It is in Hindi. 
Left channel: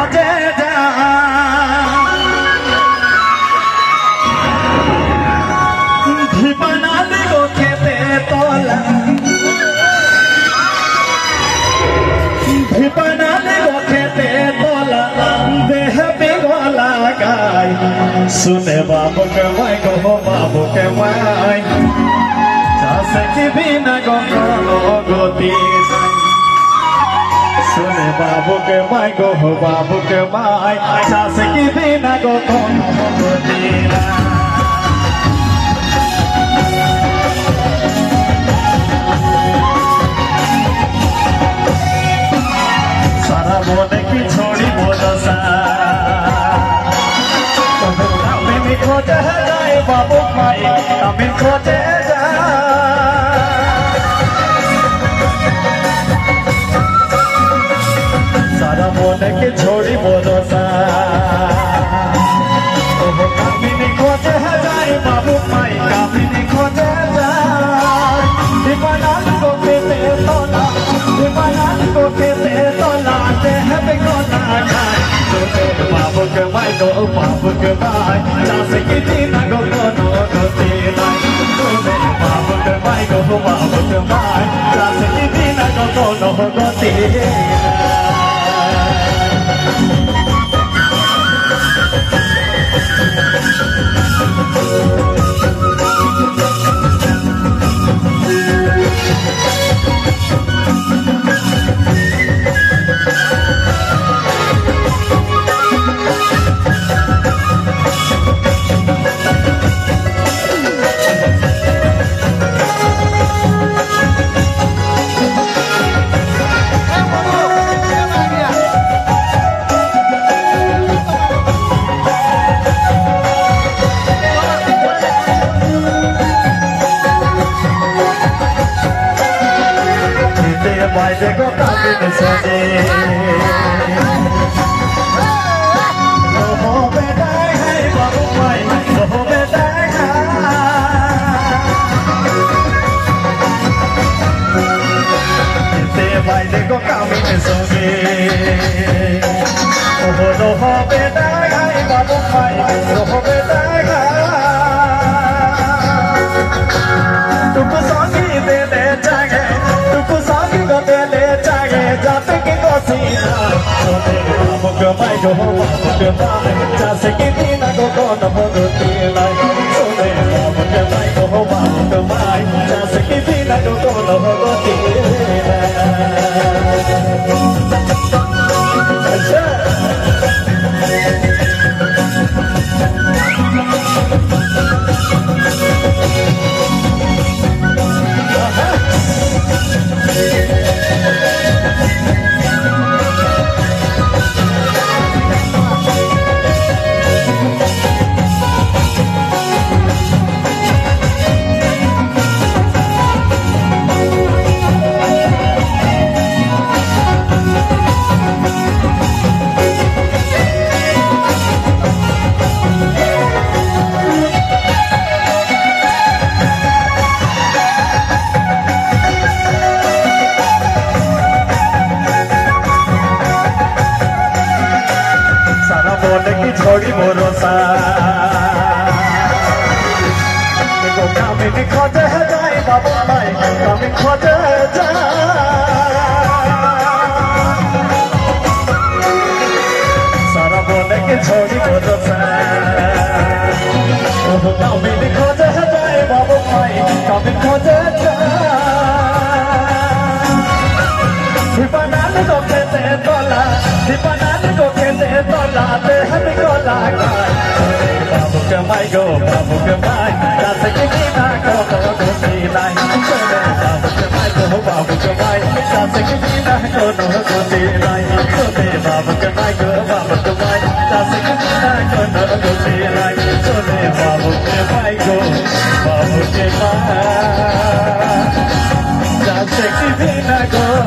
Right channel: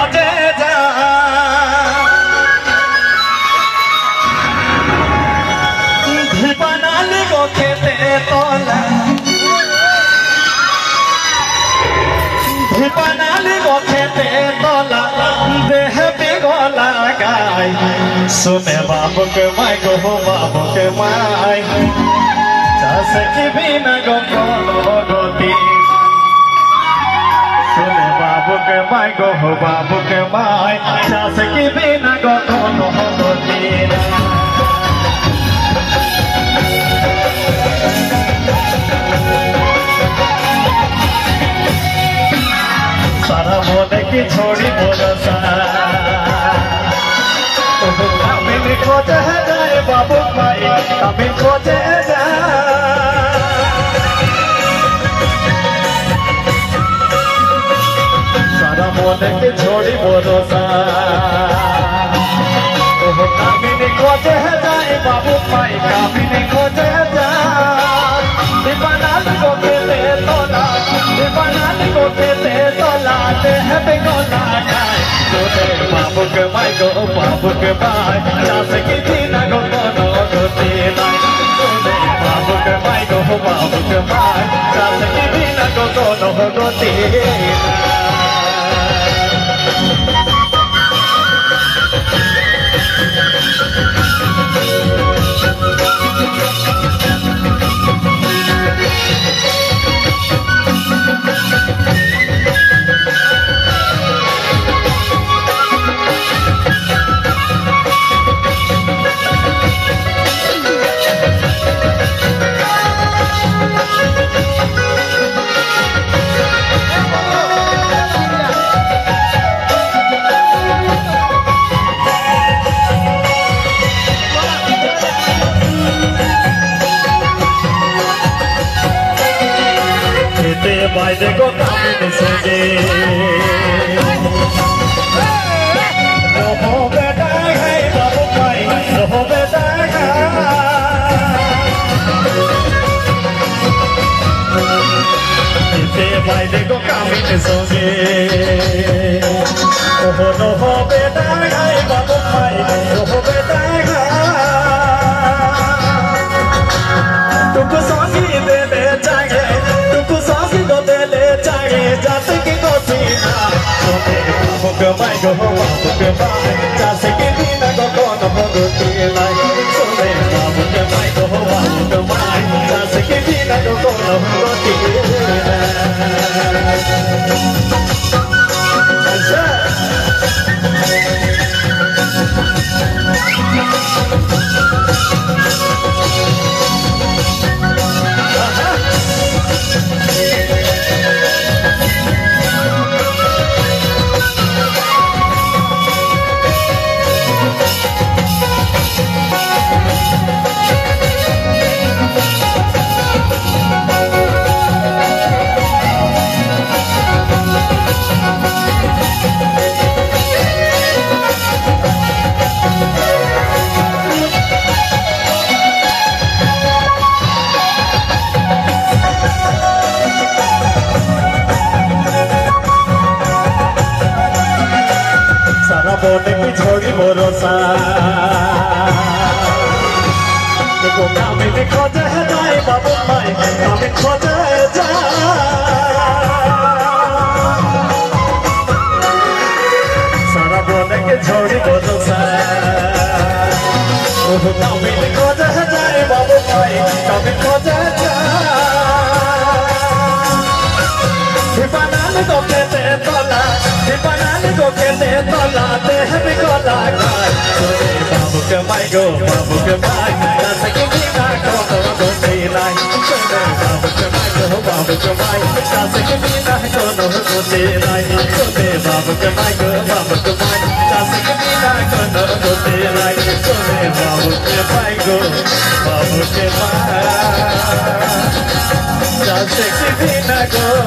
खोजे जा बनाने को खेते तोला बनाने को खेते तोला देह बिगोला गाय सुने बाबू के माय गो बाबू के माय जैसे कि बिना गोती सुने बाबू के माय गो बाबू के माय जैसे कि बिना गोती सारा मोने की छोड़ी मोरसा अमिन खोजे जाए बाबू माई अमिन खोजे सारा मोने की छोड़ी मोरसा अमिन खोजे जाए बाबू माई अमिन खोजे दीवानाली को खेते तोला दीवानाली को खेते तोला देह बिगोला गाय बाबू के माई गो बाबू के माई जैसे कि बिना गोती बाबू के माई गो बाबू के माई जैसे कि बिना गोती भाई देखो काबिल सजे हो बेटा है बाबू भाई हो बेटा भाई देखो काबिल सजे हो बेटा है बाबू भाई हो बेटा तुमको साथी दे दे जागे तुमको साथी दे दे जागे जाते के गोती ना बाबू के माई गो बाबू के माई जैसे कि बिना गोती ना सुने बाबू के माई गो बाबू के माई जैसे कि बिना गोती मोने की छोड़ी मोरसा देखो कामिन खोजे जाए बाबू माई कामिन खोजे सारा मोने की छोड़ी मोरसा कामिन खोजे जाए बाबू माई कामिन खोजे दीवानाली को खेते तोला दीवानाली को खेते तोला देह बिगोला गाय बाबू के माई गो बाबू के माई जैसे कि बिना गोती लाई सुने बाबू के माई गो बाबू के माई जैसे कि बिना गोती लाई सुने बाबू के माई गो बाबू के माई जैसे कि बिना गोती लाई सुने बाबू के माई गो बाबू के माई जैसे कि बिना गोती